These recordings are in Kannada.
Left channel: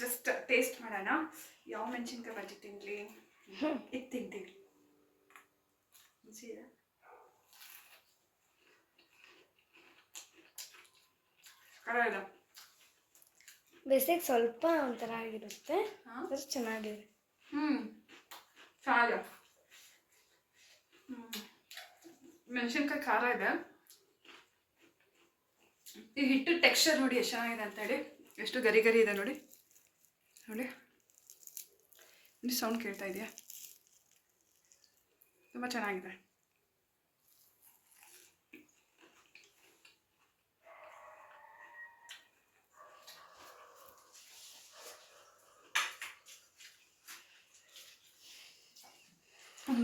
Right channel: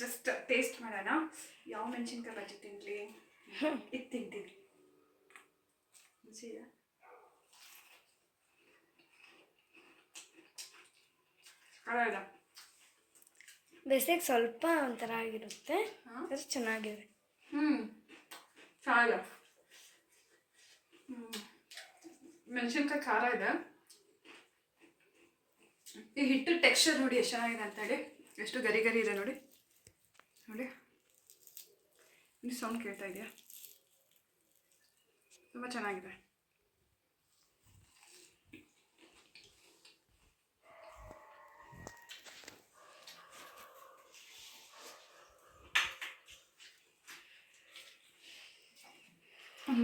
ಜಸ್ಟ್ ಟೇಸ್ಟ್ ಮಾಡೋಣ. ಯಾವ ಮೆಣಸಿನ್ಕಾಯಿ ಬಜ್ಜಿ ತಿನ್ನಲಿ, ಇದು ತಿಂತೀನಿ. ರುಚಿ ಇದೆ. ಬೇಸಿಗೆ ಸ್ವಲ್ಪ ಒಂಥರ ಆಗಿರುತ್ತೆ, ಅದು ಚೆನ್ನಾಗಿದೆ. ಚೆನ್ನಾಗಿದೆ. ಮೆಣಸಿನ್ಕಾಯಿ ಖಾರ ಇದೆ. ಈ ಹಿಟ್ಟು ಟೆಕ್ಸ್ಚರ್ ನೋಡಿ ಎಷ್ಟು ಚೆನ್ನಾಗಿದೆ ಅಂತೇಳಿ, ಎಷ್ಟು ಗರಿ ಗರಿ ಇದೆ ನೋಡಿ ನೋಡಿ. ಇಲ್ಲಿ ಸೌಂಡ್ ಕೇಳ್ತಾ ಇದೆಯಾ? ತುಂಬ ಚೆನ್ನಾಗಿದೆ.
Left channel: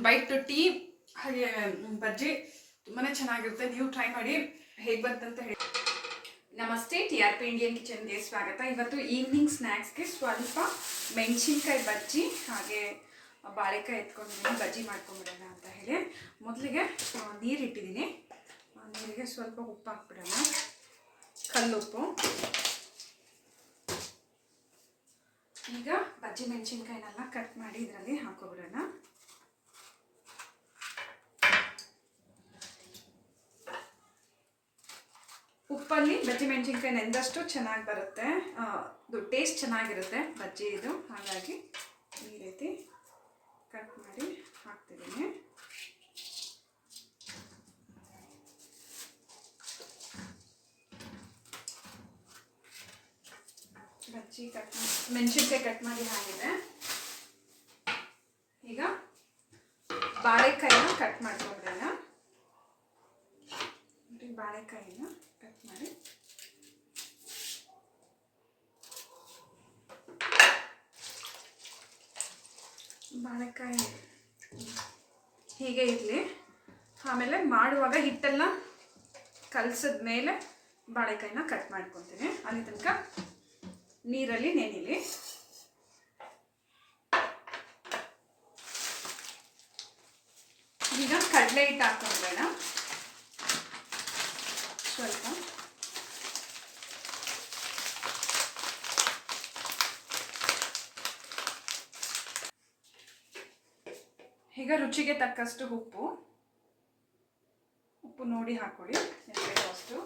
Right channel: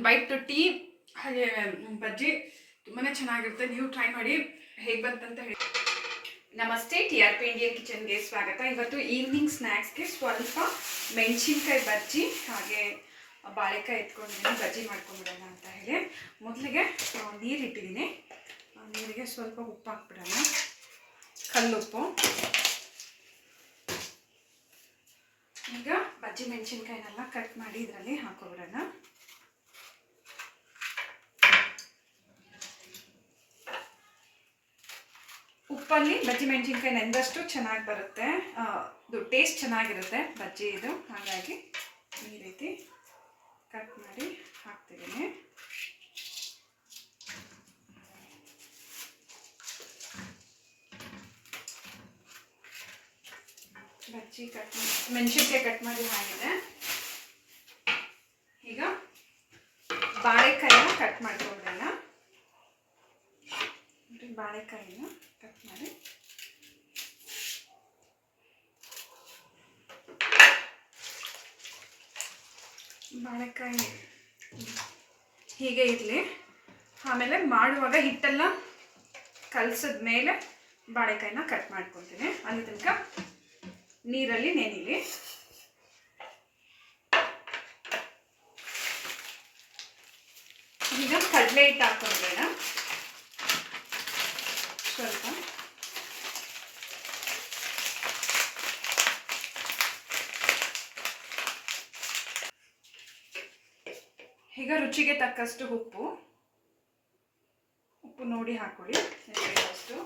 ಬೈಟ್ ಟೀ ಹಾಗೆ ಬಜ್ಜಿ ತುಂಬಾ ಚೆನ್ನಾಗಿರುತ್ತೆ. ನೀವು ಟ್ರೈ ಮಾಡಿ, ಹೇಗೆ ಬಂತಂತ ಹೇಳಿ. ನಮಸ್ತೆ, TRP ಇಂಡಿಯನ್ ಕಿಚನ್ಗೆ ಸ್ವಾಗತ. ಇವತ್ತು ಈವ್ನಿಂಗ್ ಸ್ನ್ಯಾಕ್ಸ್ಗೆ ಸ್ವಲ್ಪ ಮೆಣಸಿನ್ಕಾಯಿ ಬಜ್ಜಿ ಹಾಗೆ ಬಾಳೆಕಾಯಿ ಎತ್ಕೊಂಡಿದ್ದೀನಿ, ಬಜ್ಜಿ ಮಾಡ್ಕೊಂಡ್ಬಿಡೋಣ ಅಂತ ಹೇಳಿ. ಮೊದಲಿಗೆ ನೀರು ಇಟ್ಟಿದ್ದೀನಿ. ನೀರಿಗೆ ಸ್ವಲ್ಪ ಉಪ್ಪು ಹಾಕ್ಬಿಡೋಣ, ಕಲ್ಲುಪ್ಪು. ಈಗ ಬಜ್ಜಿ ಮೆಣಸಿನ್ಕಾಯಿನೆಲ್ಲ ಕಟ್ ಮಾಡಿ ಇದರಲ್ಲಿ ಹಾಕೋಬಿಡೋಣ. ಉಪ್ಪಲ್ಲಿ ಬಜ್ಜಿ ಮೆಣಸಿನ್ಕಾಯಿ ನೆಂದಷ್ಟು ಚೆನ್ನಾಗಿ ಬರುತ್ತೆ, ಇದು ಟೇಸ್ಟ್ ಚೆನ್ನಾಗಿರುತ್ತೆ ಬಜ್ಜಿ ಇದು. ಹಾಗಾಗಿ ಈ ರೀತಿ ಕಟ್ ಮಾಡಿ ಹಾಕ್ತಿದ್ದೀನಿ. ಬಜ್ಜಿ ಮೆಣಸಿನ್ಕಾಯಿ ಕಟ್ ಮಾಡಿ ಆಗಿದೆ. ಈಗ ಬಾಳೆಕಾಯಿನ ಕಟ್ ಮಾಡ್ಕೊಬಿಡೋಣ. ಬಾಳೆಕಾಯಿನ ಕಟ್ ಮಾಡಿ ಬಾಳೆಕಾಯಿ ಹೀಗೆ ಇರಲಿ. ಆಮೇಲೆ ಮಾಡುವಾಗ ಹಿಟ್ಟೆಲ್ಲ ಕಲಸಿದ ಮೇಲೆ ಬಾಳೆಕಾಯಿನ ಕಟ್ ಮಾಡ್ಕೊತೀನಿ. ಅಲ್ಲಿ ತನಕ ನೀರಲ್ಲಿ ನೆನಿಲಿ. ಈಗ ಕಡಲೆ ಹಿಟ್ಟು ಹಾಕೊಂಡ್ಬೇಡ ಸ್ವಲ್ಪ. ಈಗ ರುಚಿಗೆ ತಕ್ಕಷ್ಟು ಉಪ್ಪು ನೋಡಿ ಹಾಕೊಳ್ಳಿ, ಅಷ್ಟು.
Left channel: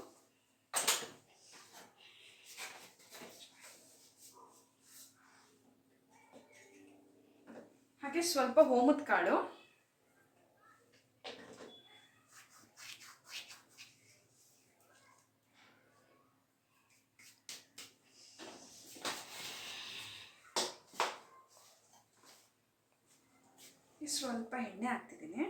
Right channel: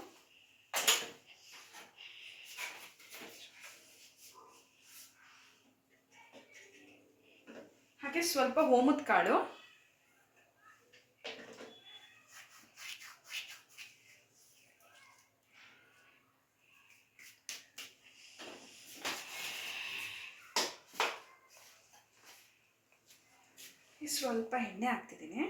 ಹಾಗೆ ಸ್ವಲ್ಪ ಓಮದ ಕಾಳು, ಸ್ವಲ್ಪ ಎಣ್ಣೆ ಹಾಕ್ತಿದ್ದೀನಿ.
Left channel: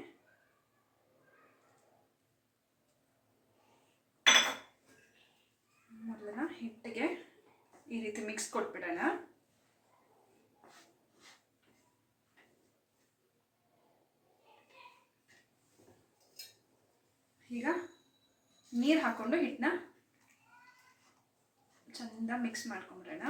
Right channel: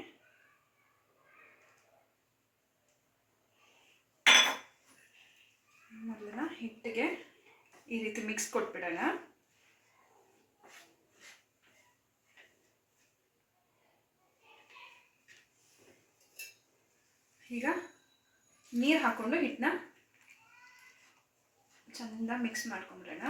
ಮೊದಲನ ಹಿಟ್ಟಿಗೆ ಈ ರೀತಿ ಮಿಕ್ಸ್ ಕೊಟ್ಬಿಡೋಣ. ಈಗ ನೀರು ಹಾಕೊಂಡು ಹಿಟ್ಟನ್ನ ಚಂದ ಮಿಕ್ಸ್ ಮಾಡ್ಕೊಂಬಿಡೋಣ.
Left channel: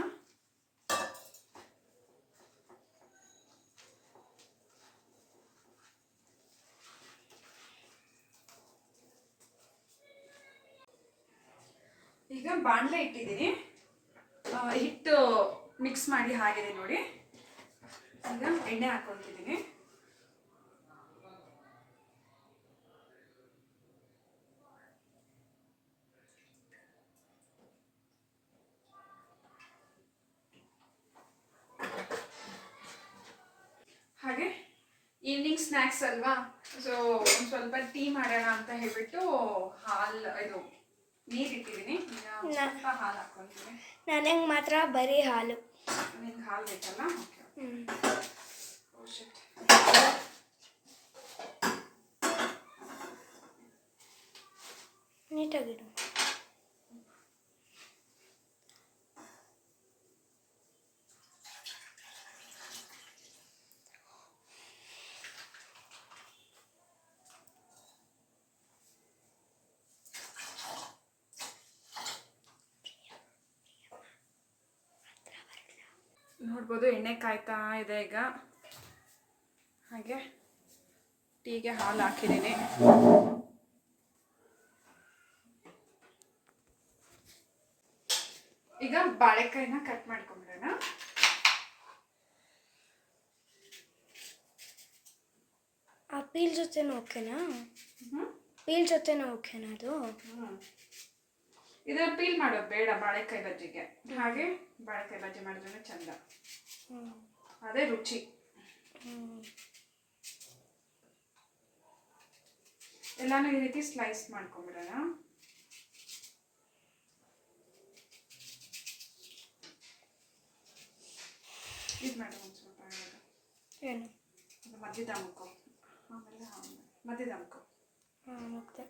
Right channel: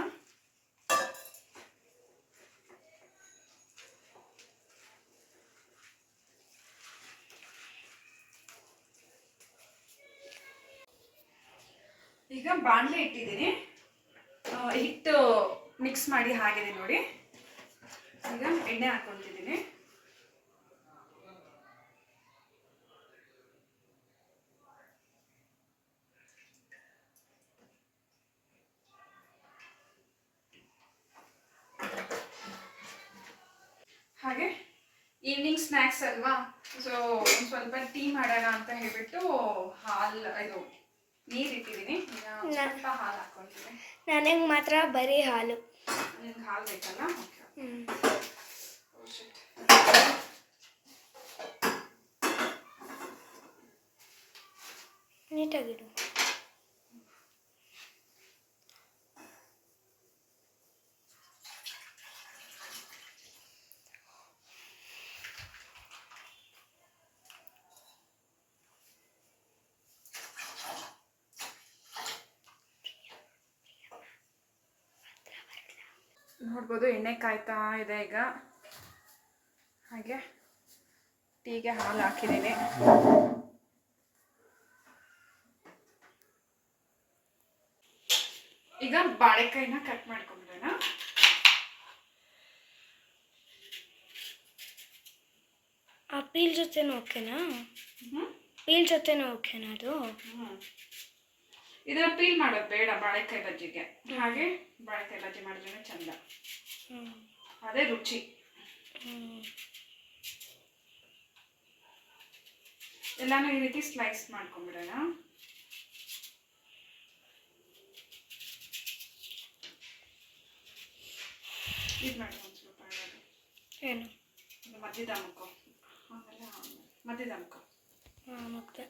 ಈಗ ಬಾಣಲೆ ಇಟ್ಟಿದ್ದೀನಿ, ಹಿಟ್ಟು ಮಿಕ್ಸ್ ಮಾಡಿ ಆಗಿದೆ ನೋಡಿ. ಈಗ ಎಣ್ಣೆ ಹಾಕೊಳ್ತಿದ್ದೀನಿ. ಹಾಗೆ ಈವ್ನಿಂಗ್ ಸ್ನ್ಯಾಕ್ಸ್ ಅಲ್ವಾ, ಸೊ ಒಂದು ಸ್ವಲ್ಪ ಟೀ ಮಾಡೋಣ ಅಂತ ಹೇಳ್ಬಿಟ್ಟು ಇದು ನೀರಿಟ್ಟಿದ್ದೀನಿ. ಸ್ವಲ್ಪ ಹಾಲು ಹಾಕ್ಕೊಳ್ತೀನಿ. ನನಗೆ ಮಾತ್ರ ಬರೀ ಹಾಲು. ನಿಮ್ಗೆ ಹಾಲು ಬೇಕಲ್ಲ? ಓಕೆ. ನೀಟಾಗಿಡು. ನೋಡ್ಬೋದು ಎಣ್ಣೆ ಕಾಯ್ತಾ ಇದೆ ಈಗ. ಹಾಗೆ ಟೀಗೆ ಹಾಲು ಹಾಕಿದ್ದೀನಿ. ಈಗ ಈಗ ಬಾಳೆಕಾಯಿನ ಕಟ್ ಮಾಡ್ಕೊಂಬಿಡೋಣ. ಆ ಪೀಲ್ ಜೊತೆನೂ ಓಕೆನಾ? ಪೀಲ್ ಜೊತೆನೂ ಓಕೆನಾ ಅದು? ಇದನ್ನ ಪೀಲ್ ಮಾಡೋದು ಬೇಡ ಬಾಳೆಕಾಯಿ ಬಜ್ಜಿಗೆ. ಹಾಗೆ ಬಾಳೆಕಾಯಿ ಬಜ್ಜಿ ಮಾಡಿದ್ರೆ ಚಂದ, ಅದೇ ರುಚಿ. ಎಲ್ಲಾನು ಈ ರೀತಿ ಸ್ಲೈಸ್ ಮಾಡ್ಕೊಂಬಿಡೋಣ. ಇದು ಮಾಡಿ ಒಂದು ಸ್ವಲ್ಪ ಏನು ಮಧ್ಯದಮ್ಕೋ, ಆಮೇಲೆ ಮಧ್ಯದಮ್ಕೋ. ಮತ್ತೆ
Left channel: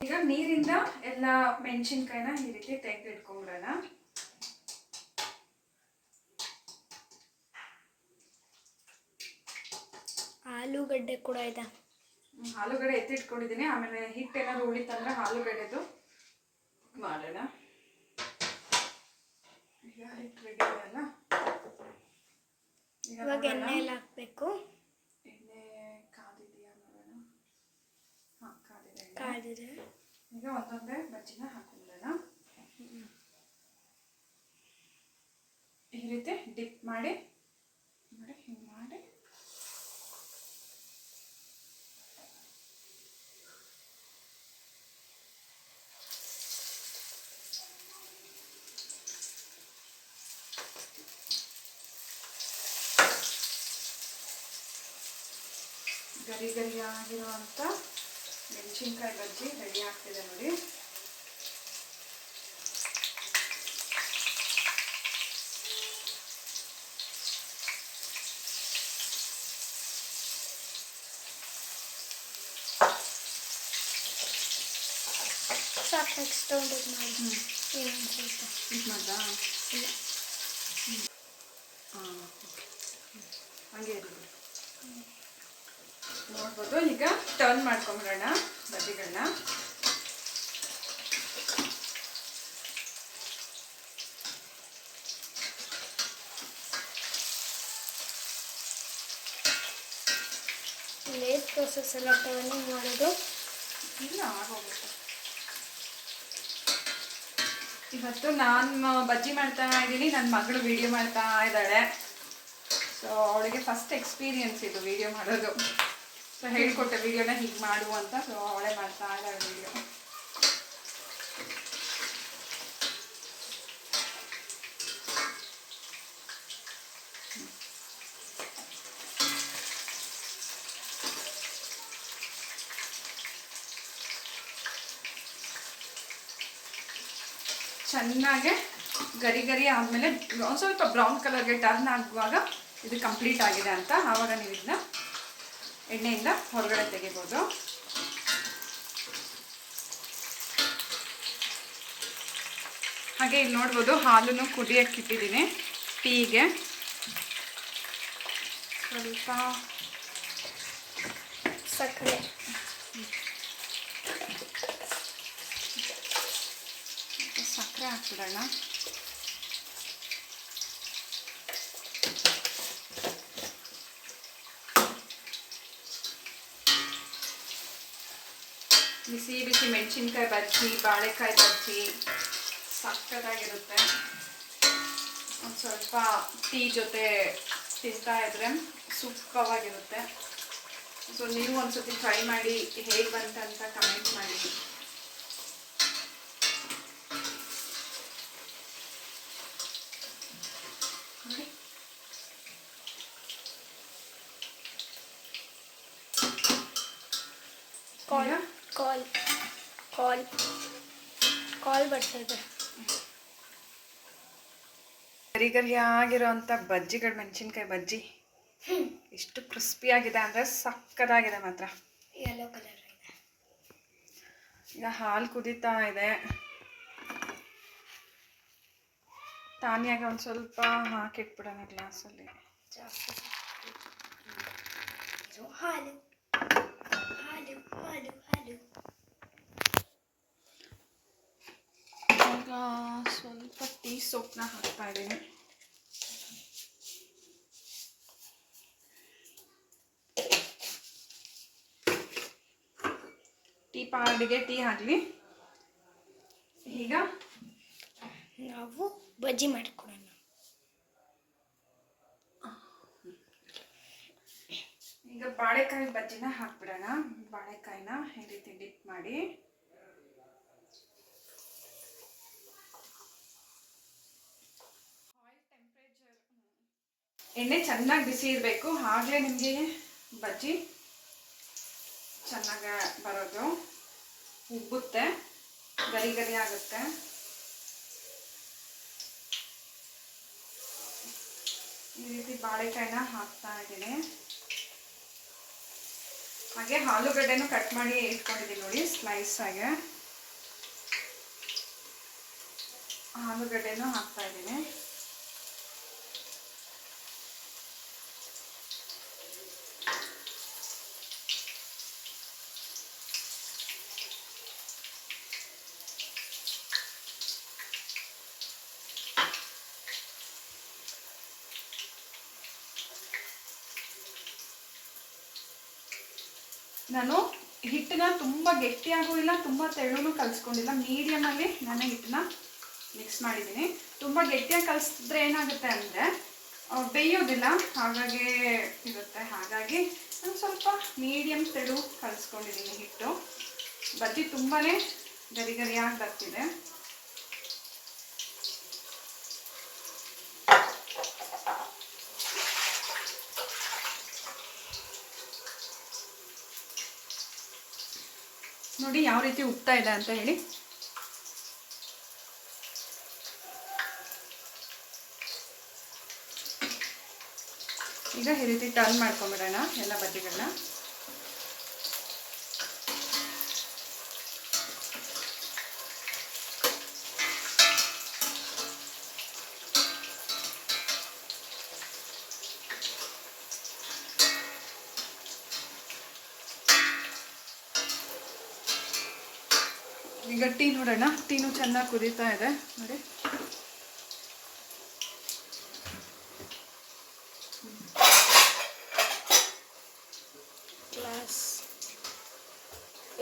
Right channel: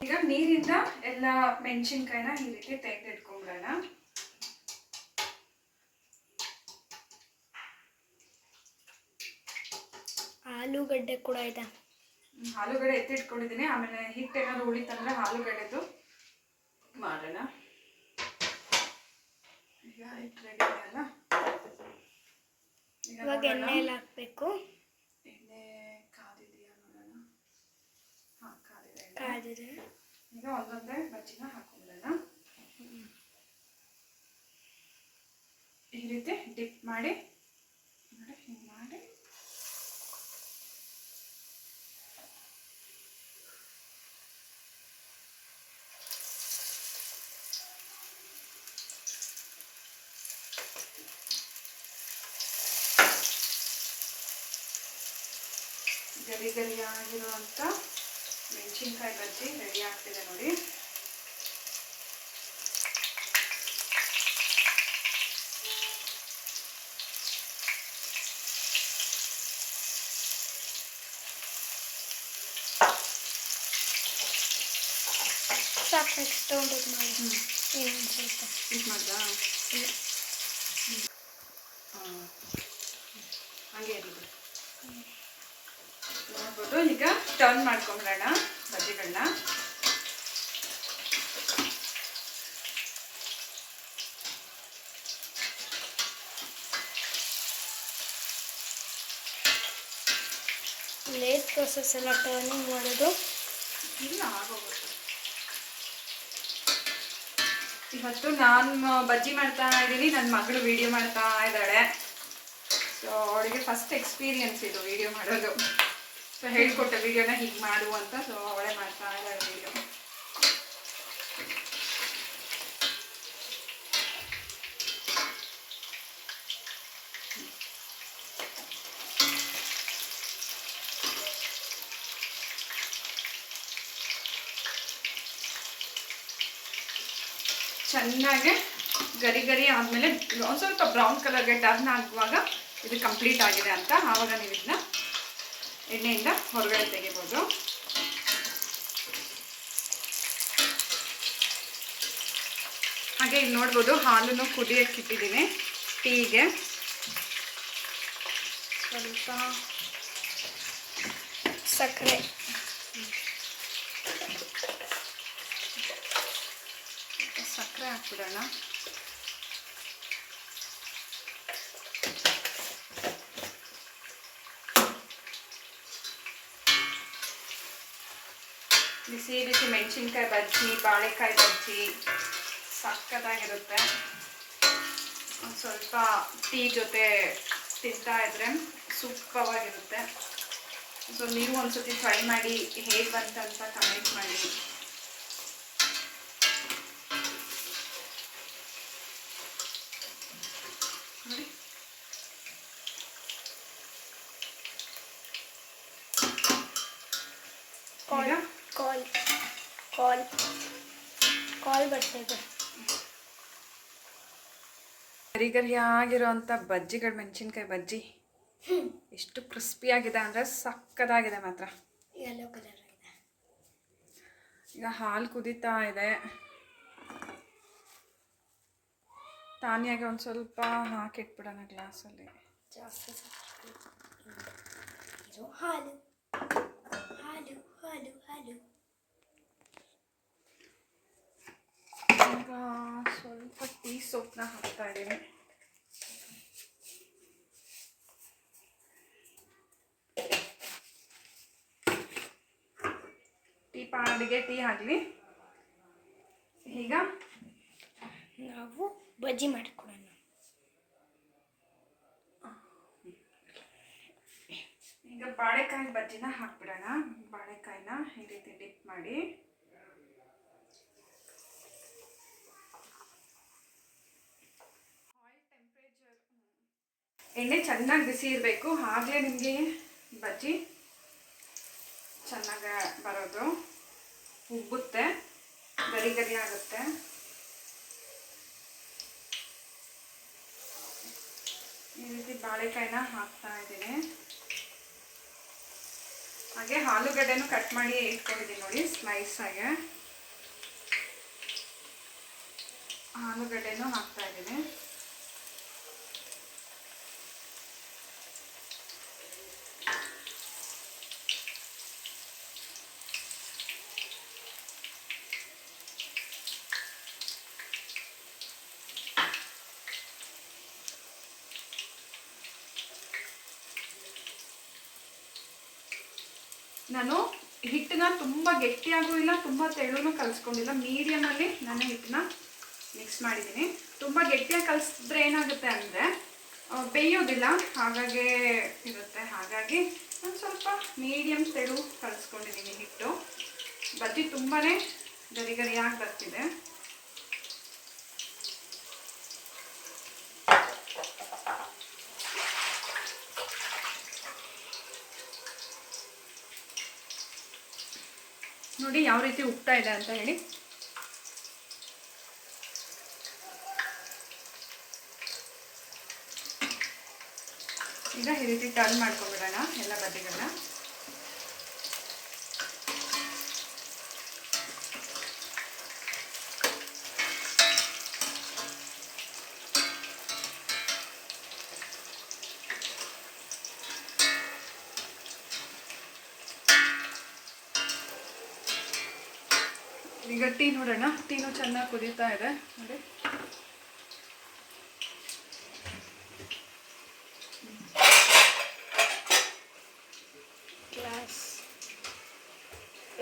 ಈಗ ನೀರಿಂದ ಎಲ್ಲ ಮೆಣಸಿನ್ಕಾಯಿನ ಈ ರೀತಿ ತೆಗೆದಿಟ್ಕೊಂಡ್ಬಿಡೋಣ. ಆಲೂಗಡ್ಡೆ ಕೂಡ ಇದೆ. ಆಲೂಗಡ್ಡೆ ಎತ್ತಿಟ್ಕೊಂಡಿದ್ದೀನಿ. ಆಮೇಲೆ ಹಿಟ್ಟೇನಾದ್ರು ಉಳಿತಂದ್ರೆ ಆಲೂಗಡ್ಡೆದು ಮಾಡೋಣ. ಈಗ ಹಿಟ್ಟು ರೆಡಿ ಇದೆಯಲ್ಲ, ಇವಾಗ ಎಣ್ಣೆ ಎಲ್ಲ ಹಾಕಬೇಕು. ಎಣ್ಣೆ ಕಾದಿದೆಯಾ ನೋಡೋಣ. ಹಾಂ, ಕಾದಿದೆ. ಈಗ ಒಂದೊಂದೇ ಬಜ್ಜಿನ ಹಾಕೊಂಡ್ಬಿಡೋಣ. ಈ ರೀತಿ ಡಿಪ್ ಮಾಡಿ ನೋಡಿ, ಹಿಂಗೆ ಮಾಡಿ ಗರಿ ಗರಿಯಾಗಿರುವಂಥ ಮೆಣಸಿನ್ಕಾಯಿ ಬಜ್ಜಿ ರೆಡಿ ಆಗ್ತಿದೆ ನೋಡಿ. ಸಾಕು, ನೆಕ್ಸ್ಟ್ ತಗೊಂಡೋಗಿ ಮಾಡಿ. ಇನ್ನೊಂದು ಸ್ವಲ್ಪ ಇದು ಮಾಡ್ದಾ? ಇಲ್ಲ, ಹಂಗೆ ಇರಲಿ. ನೋಡ್ಬೋದು. ಈಗ ಟರ್ನ್ ಮಾಡ್ಕೊಂಬಿಡೋಣ ಬಜ್ಜಿಗಳನ್ನ. ಲೇಟ್ ಪ್ರೊಸೆಸ್ ಎಲ್ಲ ಟರ್ನಿಂಗ್ ಮಾಡೋದು. ಇಲ್ಲ, ಆಗೋಗುತ್ತೆ. ಇವತ್ತು ನಾನು ಬಜ್ಜಿ ಮಾಡ್ತಾ ಇದ್ದೀನಿ, ನನ್ನ ಮಗಳು ವಿಡಿಯೋ ಮಾಡ್ತಾ ಇದ್ದಾಳೆ. ಸೊ ಅವಳಿಗೆ ಫಸ್ಟ್ ಎಕ್ಸ್ಪೀರಿಯನ್ಸ್ ಇದು ವಿಡಿಯೋ ಮಾಡೋದು. ಸೊ ಹೇಳಿಕೊಟ್ಟ ವಿಡಿಯೋನ ಹೀಗೆ ಮಾಡು ಅಂತ. ಸೊ ಅವಳೇ ಮಾಡ್ತಾ ಇದ್ದಾಳೆ ವಿಡಿಯೋ. ಚೆನ್ನಾಗಿ ಗರಿ ಗರಿ ಆದಮೇಲೆ ಒಂದು ಸ್ವಲ್ಪ ಬ್ರೌನ್ ಕಲರ್ಗೆ ಟರ್ನ್ ಆಗುವಾಗ ಇದು ಕಂಪ್ಲೀಟ್ ಆಗಿದೆ ಅಂತ. ಆವಾಗ ನೀವು ಇದನ್ನ ಎಣ್ಣೆಯಿಂದ ಹೊರಗಡೆ ತೆಗಿಬೋದು. ಹಾಗೆ ಇಲ್ಲಿ ನೋಡ್ಬೋದು, ಹಾಲನ್ನು ಕುದಿಯಕ್ಕೆ ಇಟ್ಟಿದ್ದೀನಿ ಟೀಗೆ. ಸ್ವಲ್ಪ ಸಕ್ಕರೆ, ಸಕ್ಕರೆ ಹಾಕ್ಬಿಡೋಣ. ಬಿಸಿ ಬಿಸಿ ಮೆಣಸಿನ್ಕಾಯಿ ಬಜ್ಜಿ, ಬಾಳೆಕಾಯಿ ಬಜ್ಜಿ ಸಕ್ಕತ್ತಾಗಿರುತ್ತೆ. ಒಂದು ಸ್ವಲ್ಪ ಟೀ ಜೊತೆ ತಿಂತಾ ಇದ್ರೆ ಸೂಪರಾಗಿರುತ್ತೆ. ಸೊ ನೀವು ಒಂದ್ಸತಿ ಟ್ರೈ ಮಾಡಿ, ಹೇಗೆ ಬಂತಂತ ಕಮೆಂಟ್ ಮಾಡಿ. ನೋಡಿ, ಕಾಲ್ ಬರ್ತಾಯಿದೆ. ಗರಿ ಗರಿಯಾಗಿರೋಂಥ ಬಜ್ಜಿಗಳು, ಮೆಣಸಿನ್ಕಾಯಿ ಬಜ್ಜಿ ಎಷ್ಟು ಕ್ರಿಸ್ಪಿಯಾಗಿದೆ ಅಂದರೆ ಸಕ್ಕತ್ತಾಗಿದೆ ಮಾತ್ರ. ಯೆಲ್ಲೋ ಕಲರ್ ಇದೆ. ಈಗ ಹಾಲು ಕುದೀತಾ ಇದೆ. ತಾನಿಯಾಗೆ ಒಂದು ಸ್ವಲ್ಪ ಹಾಕಿಟ್ಬಿಡೋಣ ಗ್ಲಾಸಲ್ಲಿ. ಜಾಸ್ತಿ ಇದು ಹಾಲು ಹಾಲು ಹಾಲು ಹಾಲು. ಈಗ ಸ್ವಲ್ಪ ಟೀ ಸೊಪ್ಪನ್ನ ಹಾಕ್ತಾ ಇದ್ದೀನಿ. ಟೀ ಪಾಡಿಗೆ ಟೀ ಆಗಲಿ. ಈಗ ನಾವು ಬಜ್ಜಿ ಮಾಡಿಕೊಡೋಣ. ಈಗ ಬಾಳೆಕಾಯಿ ಬಜ್ಜಿನ ಹಾಕ್ಬಿಡೋಣ. ಬಾಳೆಕಾಯಿನ ಈ ರೀತಿ ಡಿಪ್ ಮಾಡಿ ಎಣ್ಣೆ ಚೆನ್ನಾಗಿ ಬಿಸಿ ಇರಬೇಕು, ಆಗಲೇ ನಿಮಗೆ ಬಜ್ಜಿ ಚೆನ್ನಾಗಿ ಬರೋದು. ಉಬ್ಬುತ್ತೆ, ಗರಿ ಗರಿ ಆಗುತ್ತೆ. ಈ ರೀತಿ ಬಾಳೆಕಾಯಿನ ಹಾಕ್ತಾ ಇದ್ದೀನಿ. ಹಾಗೆ ಆಲೂಗಡ್ಡೆನೂ ಕಟ್ ಮಾಡಿ ಇಟ್ಕೊಂಡಿದ್ದೀನಿ ನೋಡಿ, ಸ್ಲೈಸ್ ಆಗಿ ಆಲೂಗಡ್ಡೆನೂ ಹಾಕ್ತಾ ಇದ್ದೀನಿ. ನಾನು ಹಿಟ್ಟನ್ನ ತುಂಬ ಗಟ್ಟಿಯಾಗೂ ಇಲ್ಲ, ತುಂಬ ತೆಳ್ಳೂ ಕಲಿಸ್ಕೊಂಡಿಲ್ಲ, ಮೀಡಿಯಮಲ್ಲಿ ನಾನು ಹಿಟ್ಟನ್ನ ಮಿಕ್ಸ್ ಮಾಡಿದ್ದೀನಿ. ತುಂಬ ಗಟ್ಟಿಯಾಗಿ ಕಲಿಸಿದ್ರೆ ಏನಾಗುತ್ತೆ ಅಂದರೆ ಬೇಯೋದಿಲ್ಲ, ಹಾಗಾಗಿ ಇರುತ್ತೆ. ಹಾಗಾಗಿ ನಾನು ಸ್ವಲ್ಪ ಮೀಡಿಯಮ್ ತೆಳು ಕಲಿಸ್ಕೊಂಡಿದ್ದೀನಿ ಹಿಟ್ಟು. ಬಜ್ಜಿ ತುಂಬಾ ಗರಿ ಗರಿಯಾಗಿ ಬರ್ತಿದೆ. ನೋಡಿ ಯಾವ ರೀತಿ ಉಬ್ತಾ ಇದೆ ಅಂತ ಹೇಳಿ. ಈಗ ಈ ರೀತಿ ಟರ್ನ್ ಮಾಡ್ಕೊಂಡ್ಬಿಡೋಣ ಎಲ್ಲ ಬಜ್ಜಿಗಳನ್ನ. ಈಗ ಟೀ ನೋಡೋಣ. ಟೀನು ಚೆನ್ನಾಗಿ ಕುದೀತಾ ಇದೆ ನೋಡಿ. ಗ್ಲಾಸ್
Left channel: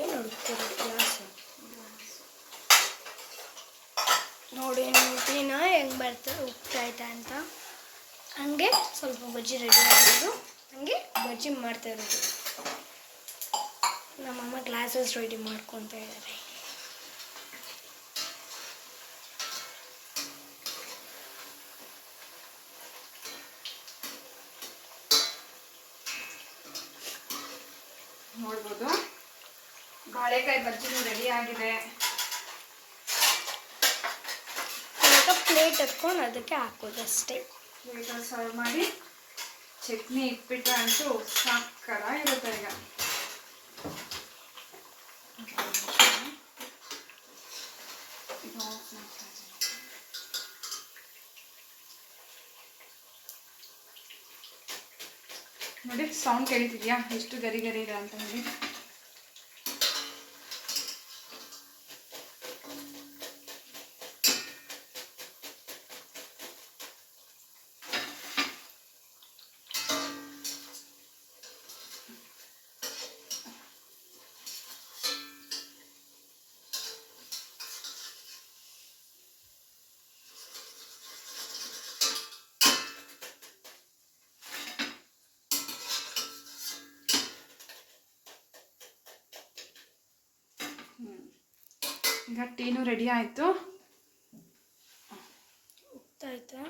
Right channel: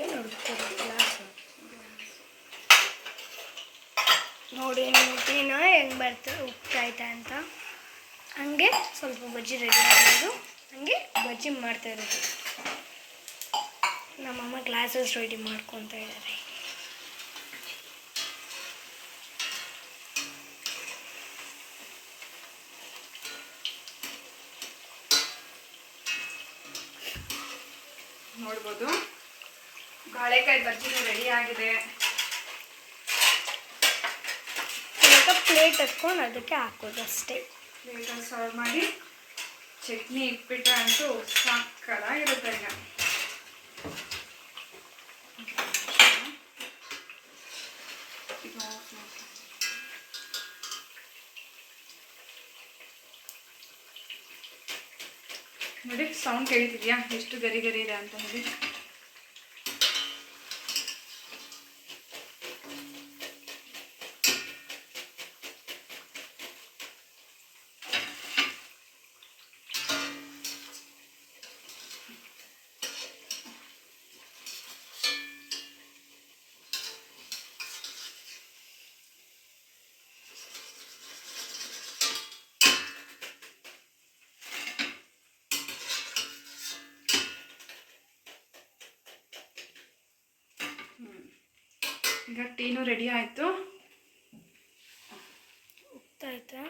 ಏನು ಹುಡುಕ್ತಾರೆ? ಗ್ಲಾಸ್ ನೋಡಿ ಟೀನ ಹೆಂಗೆ ಬರ್ತದೆ ಉಪ್ತಾಯ್ತಾ ಅಂತ. ಹಂಗೆ ಸ್ವಲ್ಪ ಬಜ್ಜಿ ರೆಡಿ ಆಗಿರೋದು, ಹಂಗೆ ಬಜ್ಜಿ ಮಾಡ್ತಾ ಇರೋದು. ನಮ್ಮಮ್ಮ ಗ್ಲಾಸಸ್ ರೆಡಿ ಮಾಡ್ಕೊತಾ ಇದ್ದಾರೆ. ನೋಡ್ಬೋದು ಬಾಳೆಕಾಯಿ ಬಜ್ಜಿನೂ ರೆಡಿ ಆಗಿದೆ. ಇವಾಗ ಪ್ಲೇಟ್ ಎತ್ಕೊಂಡು ಅದಕ್ಕೆ ಹಾಕೋದು ಅಷ್ಟೇ. ಪ್ಲೇಟಲ್ಲಿ ಸರ್ವ್ ಮಾಡಿ ಚಟ್ನಿ ಇಟ್ಬಿಟ್ರೆ ಅಂತೂ ಸಾಕಾಗಿರುತ್ತೆ. ಈಗ ನೋಡಿ ಸೌಂಡ್ ಕೇಳ್ತಿದ್ಯಾ ಎಷ್ಟು ಗರಿ ಗರಿ ಇದೆ ಅಂತ ಹೇಳಿ. ಈಗ ಟೀನು ರೆಡಿ ಆಯಿತು. ಉಪ್ತಾಯ್ತಾ?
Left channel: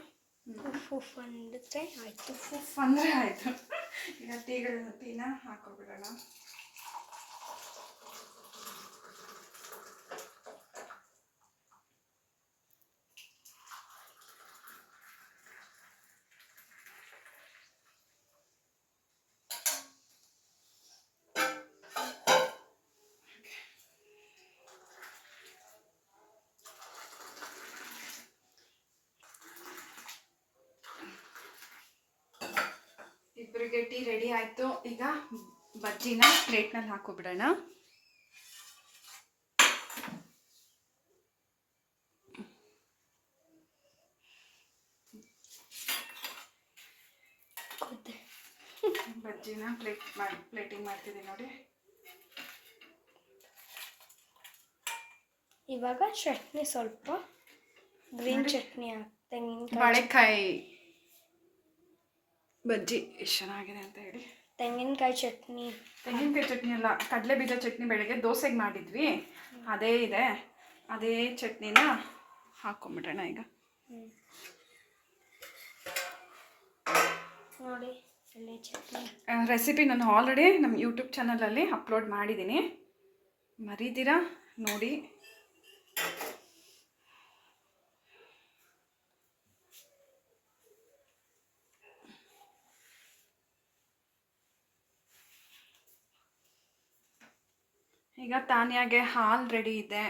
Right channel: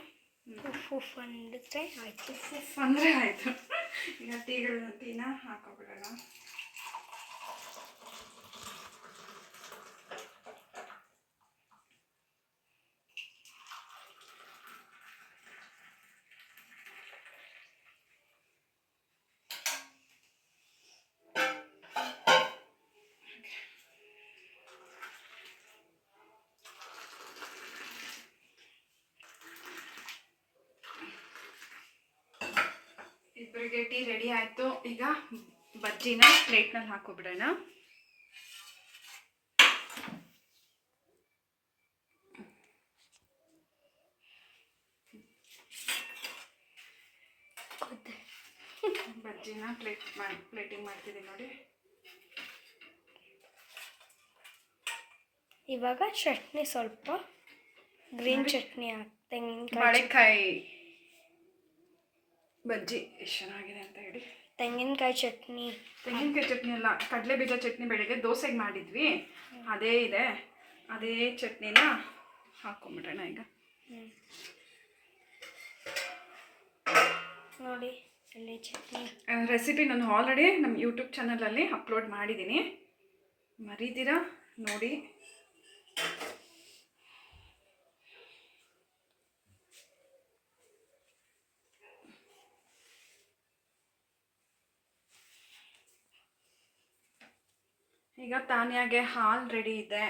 ಉಫ್ ಉಫ್ ಅಂದಿದ್ರೆ ಆಯಿತು. ಉಫ್ ಅಂದರೆ ಆಯಿತು. ಈಗ ಟೀನ ಹಾಕೋಬಿಡೋಣ. ಇಬ್ಬರಿಗೆ ಟೀ ರೆಡಿ ಆಯಿತು. ಈಗ ಬಜ್ಜಿನ ಪ್ಲೇಟ್ನಲ್ಲಿ ಹಾಕೋಬಿಡೋಣ. ಬಜ್ಜಿನ ಪ್ಲೇಟಿಂಗ್ ಮಾಡ್ತಿದ್ದೀನಿ ನೋಡಿ. ಇವಾಗ ಚಟ್ನಿ ಸ್ವಲ್ಪ ಗ್ರೀನ್ ಚಟ್ನಿ ತೆಂಗಿನಕಾಯಿ ಬಾಳೆಕಾಯಿ ಬಜ್ಜಿ ಎಷ್ಟು ಚೆನ್ನಾಗಿದೆ ಅಂತ ಹೇಳಿ. ತೆಂಗಿನಕಾಯಿ ಚಟ್ನಿ ಅಲ್ಲ, ಕಡಲೆ ಬೀಜ ಚಟ್ನಿ ಬೆಳಗ್ಗೆ ದೋಸೆಗೆ ಮಾಡಿದ್ವಿ, ಅದೇ ಇದೆ. ಅದೇ ಚಟ್ನಿನ ಹಾಕ್ಕೊಂಬಿಡೋಣ ಈಗ. ನೋಡಿ ಎಳ್ಳೆ ಚಟ್ನಿ ರೆಸಿಪಿ ನಾನು ಆಲ್ರೆಡಿ ನಮ್ಮ ಯೂಟ್ಯೂಬ್ ಚಾನಲಲ್ಲಿ ಅಪ್ಲೋಡ್ ಮಾಡಿದ್ದೀನಿ, ಮರೀದಿರಾ ನೋಡಿ. ಈಗ ತಾನ್ಯಾಗೆ ಹಾಲು ರೆಡಿ ಇದೆ,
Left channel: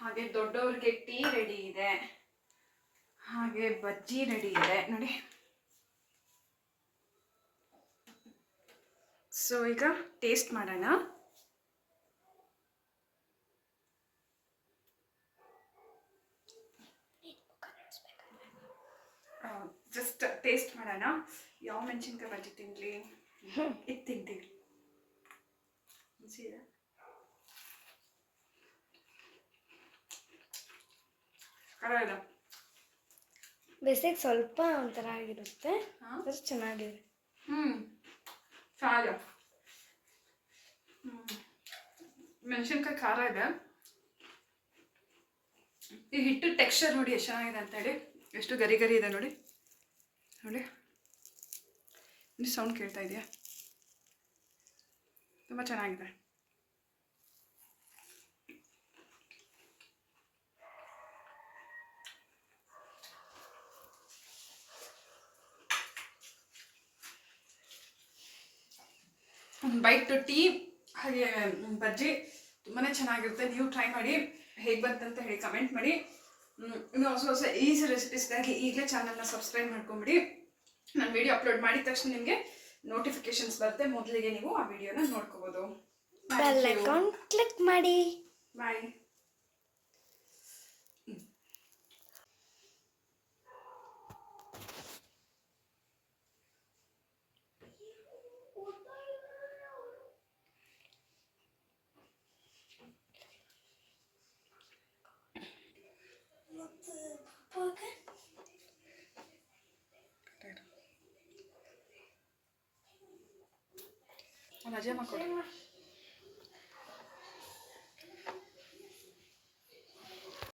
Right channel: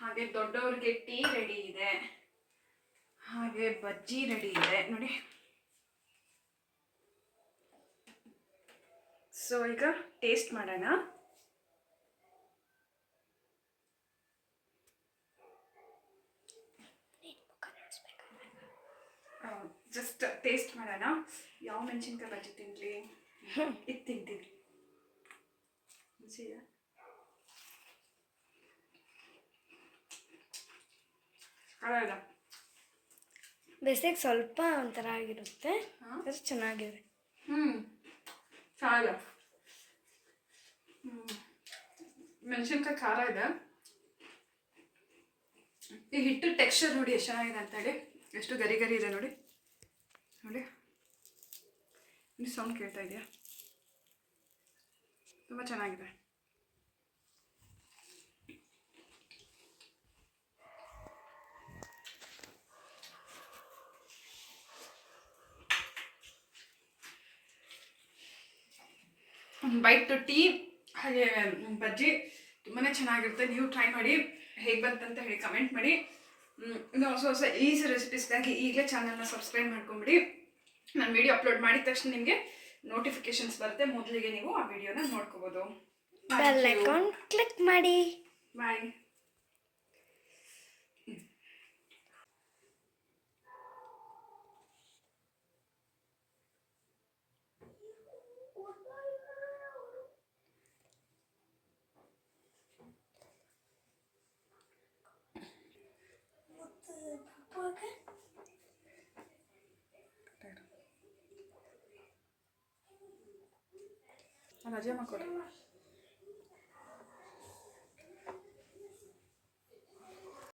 ಹಾಗೆ ದೊಡ್ಡವ್ರಿಗೆ ಟೀ ರೆಡಿ ಇದೆ, ಹಾಗೆ ಬಜ್ಜಿ ರೆಡಿ ಇದೆ ನೋಡಿ. ಸೊ ಈಗ ಟೇಸ್ಟ್ ಮಾಡೋಣ. ಜಸ್ಟ್ ಟೇಸ್ಟ್ ಮಾಡೋಣ. ಯಾವ ಮೆಣಸಿನ್ಕಾಯಿ ಬಜ್ಜಿ ತಿನ್ಲಿ, ಇದು ತಿಂತೀನಿ. ಬೇಸಿಗೆ ಸ್ವಲ್ಪ ಒಂಥರ ಆಗಿರುತ್ತೆ, ಚೆನ್ನಾಗಿದೆ. ಚೆನ್ನಾಗಿದೆ. ಮೆಣಸಿನ್ಕಾಯಿ ಖಾರ ಇದೆ. ಈ ಹಿಟ್ಟು ಟೆಕ್ಸ್ಚರ್ ನೋಡಿ ಎಷ್ಟು ಚೆನ್ನಾಗಿದೆ ಅಂತೇಳಿ, ಎಷ್ಟು ಗರಿ ಗರಿ ಇದೆ ನೋಡಿ. ನೋಡಿ ಇಲ್ಲಿ ಸೌಂಡ್ ಕೇಳ್ತಾ ಇದೆಯಾ? ತುಂಬ ಚೆನ್ನಾಗಿದೆ. ಬೈಟ್ ಟೀ ಹಾಗೆ ಬಜ್ಜಿ ತುಂಬಾ ಚೆನ್ನಾಗಿರುತ್ತೆ. ನೀವು ಟ್ರೈ ಮಾಡಿ, ಹೇಗೆ ಬಂತಂತ ಹೇಳಿ ಕಮೆಂಟ್ ಮಾಡಿ. ಇನ್ನು ಹೊಸ ಈಸಿ ರೆಸಿಪೀಸ್ಗಾಗಿ ಈಗಲೇ ಚಾನಲ್ನ ಸಬ್ಸ್ಕ್ರೈಬ್ ಮಾಡ್ಕೊಂಬಿಡಿ. ನಾನು ವಿಡಿಯೋ ಅಪ್ಲೋಡ್ ಮಾಡಿದ ತಕ್ಷಣ ನಿಮಗೆ ನೋಟಿಫಿಕೇಶನ್ಸ್ ಬರುತ್ತೆ, ಮೊದಲಿಗೆ ನೀವು ಆ ವಿಡಿಯೋನ ನೋಡ್ಕೋಬೋದು. ಬೆಲ್ ಐಕಾನ್ ಕ್ಲಿಕ್ ಮಾಡಿ. ಬಾಯ್. ರಜೆ ಮಾಡ್ಕೊಡಿ.